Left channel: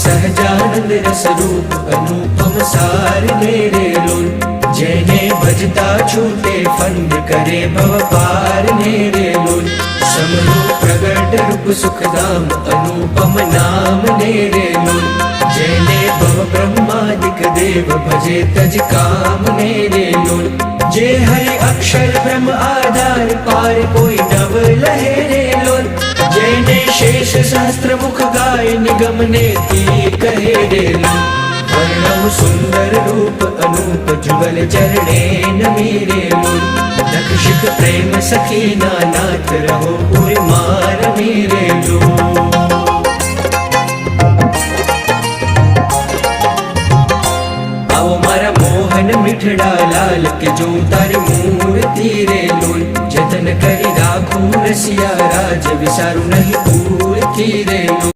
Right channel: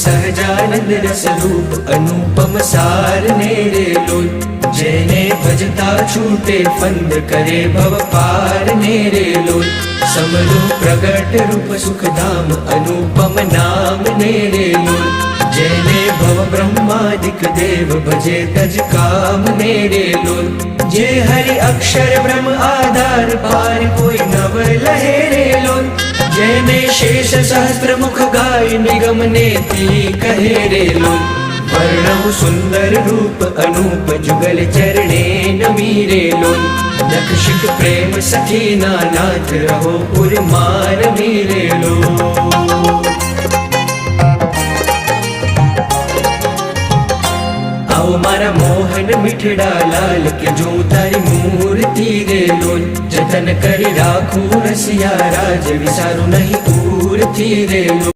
સહજાનંદ રસરૂપ અનુપમ સાર ને રે લોલ જેને ભજતા છૂટે ફંદ કરે ભવ પાર ને રે લોલ સમલો પ્રગટ રૂપ સુખધામ અનુપમ નામ ને રે લોલ જેને ભવ બ્રહ્માદિક દેવ ભજે તજ કામ ને રે લોલ જે હરિ અક્ષર બ્રહ્મ આધાર પાર કોઈ નવ લહે રે લોલ જેને શેષ સહસ્ત્ર મુખ ગાય નિગમ ને તી કહે રે લોલ વર્ણવ સુંદર રૂપ અનુપ જુગલ ચરણે નમી રે લોલ લક્ષિત પ્રેમ સખી ના નાથ રહો પુરમાર મી રે લોલ आओ मारा मोहन मिठड़ा लाल के जो तारी मूर्ति रे लोल जतन करी राखू रसिया राज विसारू नहीं पूरती रे लोल।